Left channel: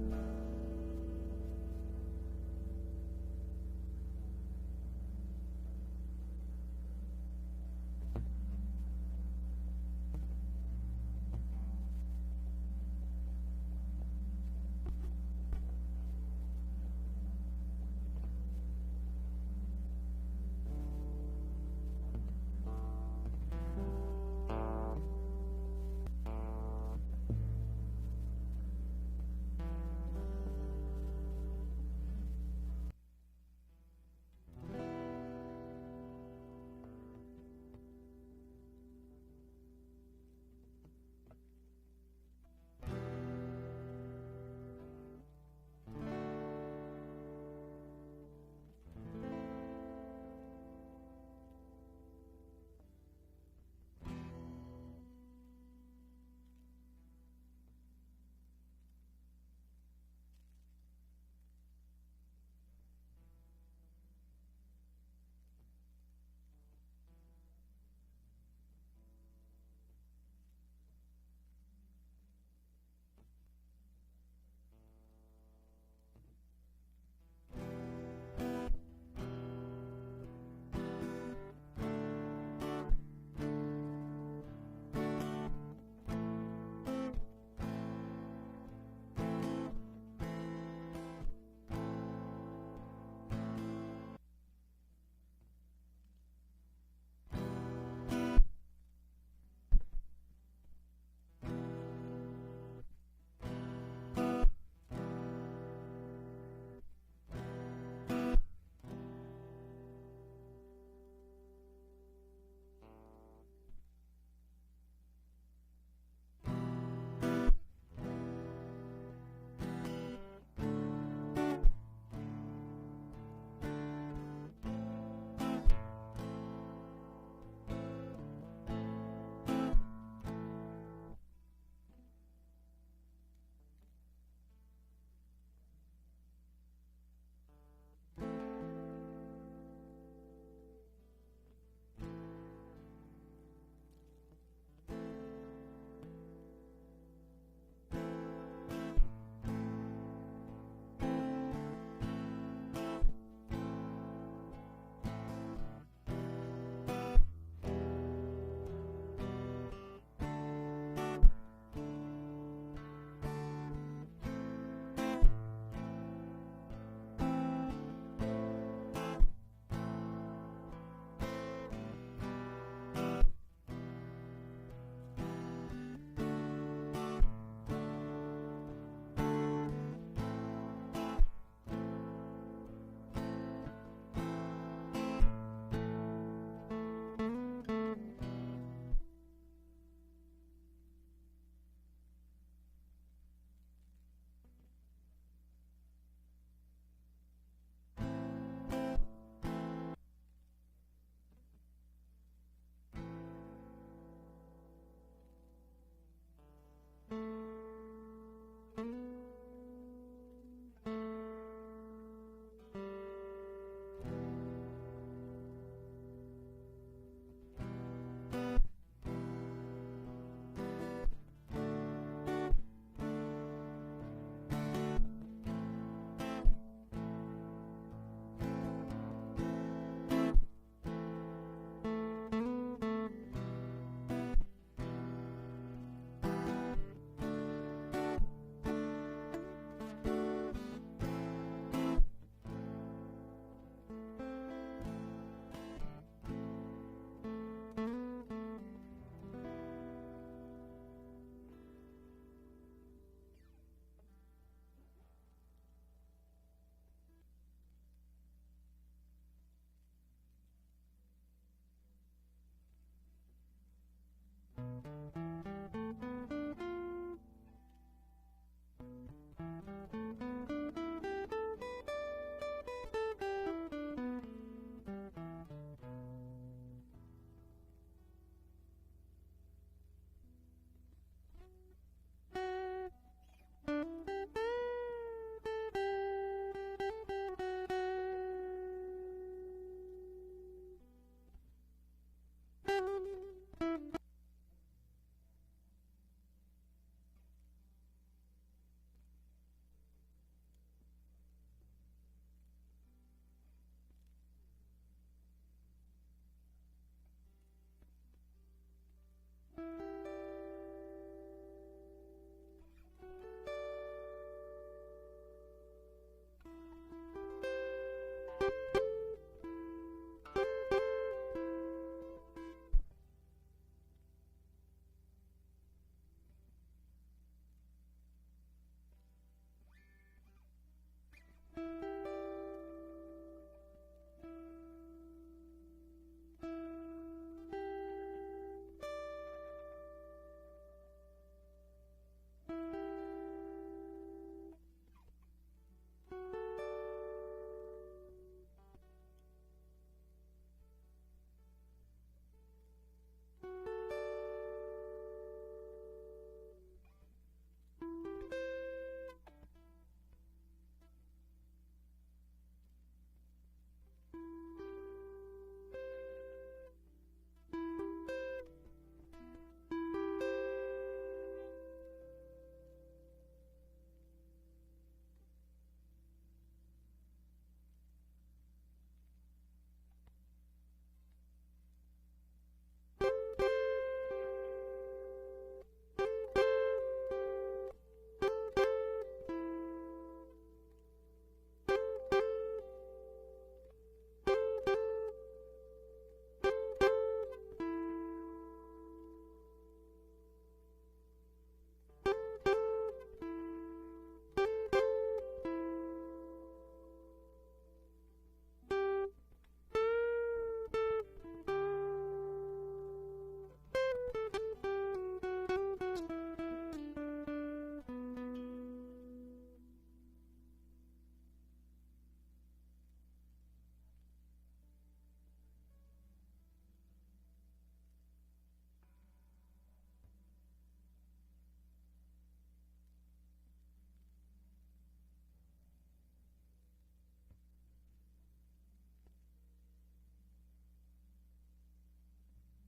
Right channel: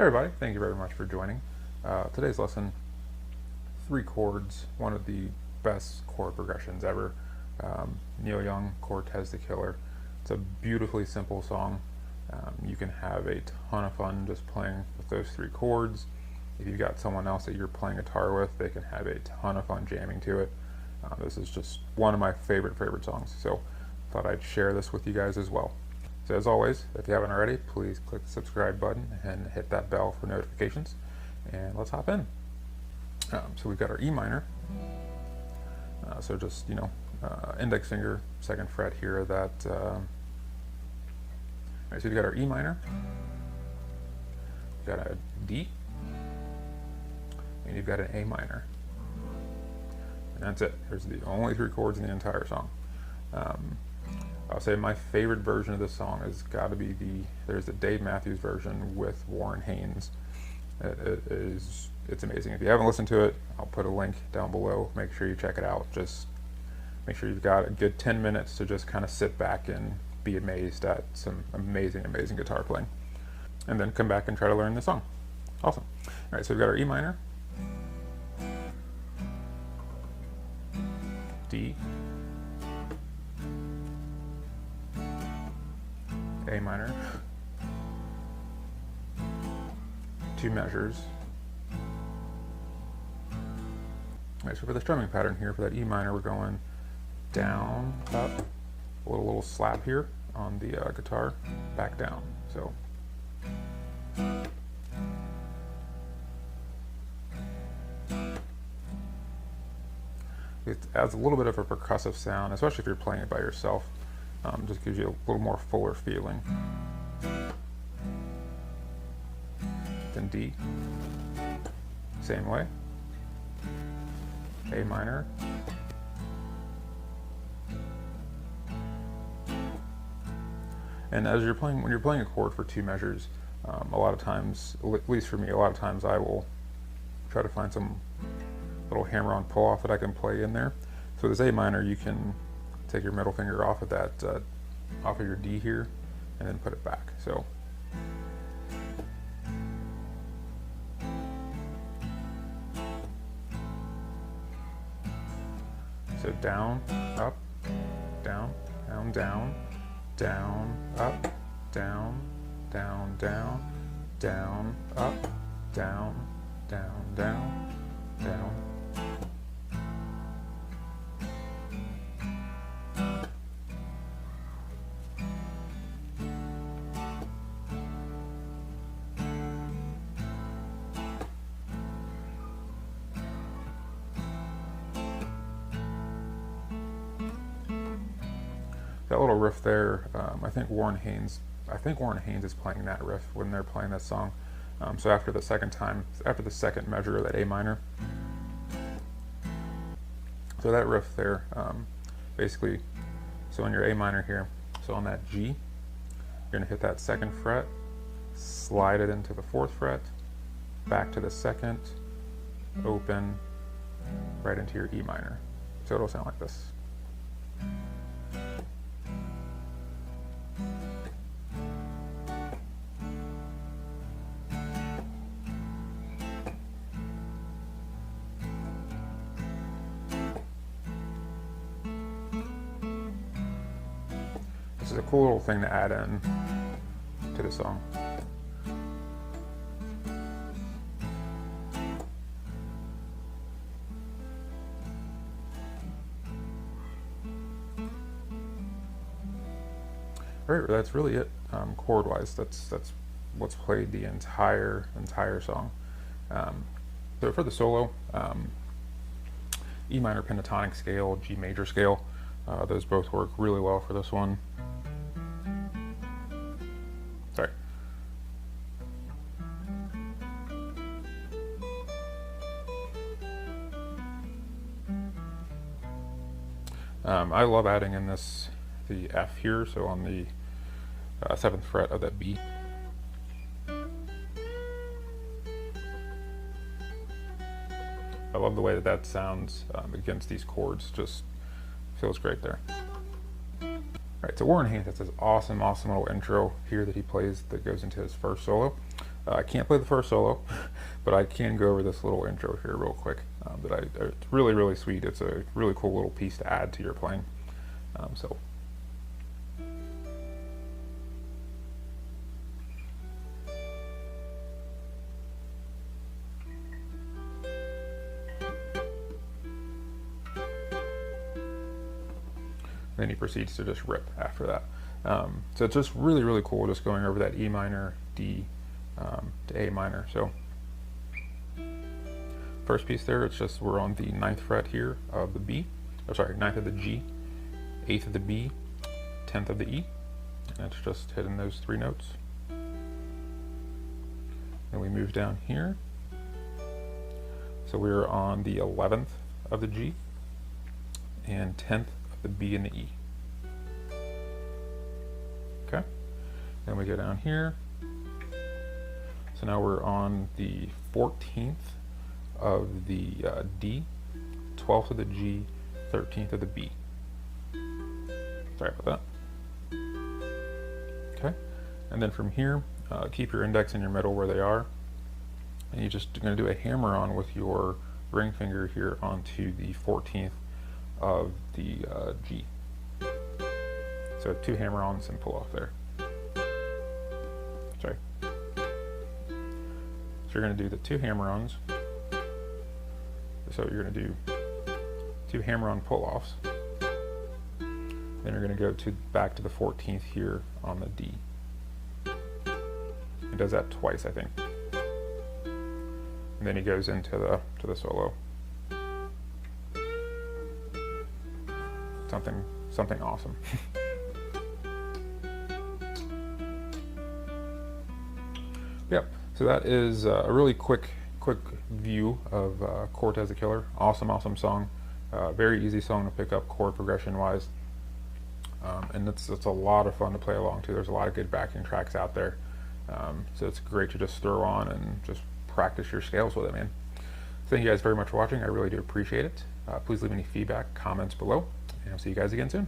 Hey everybody, thank you very much for joining. Today's lesson, 3 chords, one of the best chord progressions ever. Neil Young, Cortez the Killer. It's a beautifully simple song. You can have a ton of fun just playing with those 3 chords. If you've got someone else that you're playing guitar with, they can have a ton of fun jamming to it. This is just one of my favorite songs, so thought I'd share this with you guys as well. So as always, if you haven't already, please click the subscribe button and hit that bell for notifications. And let's hop in. So we've got our E minor. So just, index finger, 2nd fret here. That. All right, so we've got our E minor. We've got a D. And you've got an A minor. And that's it. There's the only 3 chords in the entire song. I'll say my favorite version of this song has got to be there's the Dave Matthews version with Warren Haynes. It's amazing. If you haven't listened to it, I'll put a link down below. Make sure you check it out. Just make sure you've got a good 10 minutes to just kind of sit back and be amazed at some amazing guitar playing. And then come back and try to learn the song. Awesome. All right, so we've got our E minor, D, A minor, 2 measures. Alright, so for the strumming pattern here, for that E minor, we're going down, up, a little slap here on the guitar, back down. So it adds a little bit of a percussive sound, especially if you're playing it by yourself. Just gives you a little more fuller feeling. Then D, same way. A minor. And as you're playing, when you're playing a chord for 2 measures, a lot of times, at least for me, a lot of times I will try to find some little hammer-on pull-off that I can play in there. So this A minor, you can take your middle finger off of that, off of your D here, and then put it back. So down, up, down, down, down, down, up, down, down, down, down, up, down, down, down, down. That little riff there, I think Warren Haynes is playing that riff when they're playing this song. So after the second measure of that A minor, so that riff there, basically, so on your A minor here, so on that G, you're going to hit that 2nd fret, slide it into the 4th fret, back to the 2nd, open, right into your E minor. So it'll sound like this. This is a cool little thing to add in to the song. Alright, that's really it chord-wise. That's what's played the entire song. So for the solo, E minor pentatonic scale, G major scale, those both work really well for this one. Sorry. I love adding in the F here, so on the 7th fret of that B. I love the way that sounds against these chords. Just feels great there. Alright, so Warren Haynes has this awesome little intro here that he plays that goes into his first solo. I can't play the first solo, but I can go over this little intro here real quick. It's really, really sweet. It's a really cool little piece to add to your playing. So. Then he proceeds to just rip after that. So it's just really, really cool just going over that E minor, D to A minor. So first piece there, it's just we're on the 9th fret here of the B, oh sorry, 9th of the G, 8th of the B, 10th of the E, and it's just hitting those 3 notes. Then we move down here. So we're on the 11th of the G and 10th of the B and the E. Okay, then we go down here. So now we're on the 14th of the D, 12th of the G, 13th of the B. Sorry about that. Okay, and then from here, keep your index and your middle where they are, and you're just going to do a hammer on with your ring finger here onto the 14th of the G. So 2 hammer-ons and pull off there. Sorry. So you're going to do the 2 hammer-ons. So you're going to do 2 hammer-on pull-offs. Then you're going to go back to the 14th here on the D. He does that twice, I think. And then he goes into the solo. Something awesome. Yep. So that is a really quick view of Cortez the Killer. Awesome song. Very easy song to pick up chord progression wise, and it's a lot of fun to play along to. There's a lot of good backing tracks out there, so it's great to just throw on and just practice your scales with it, man. Thank you guys very much for watching. I really do appreciate it. Please leave any feedback, comments below, and I'll see you guys again soon.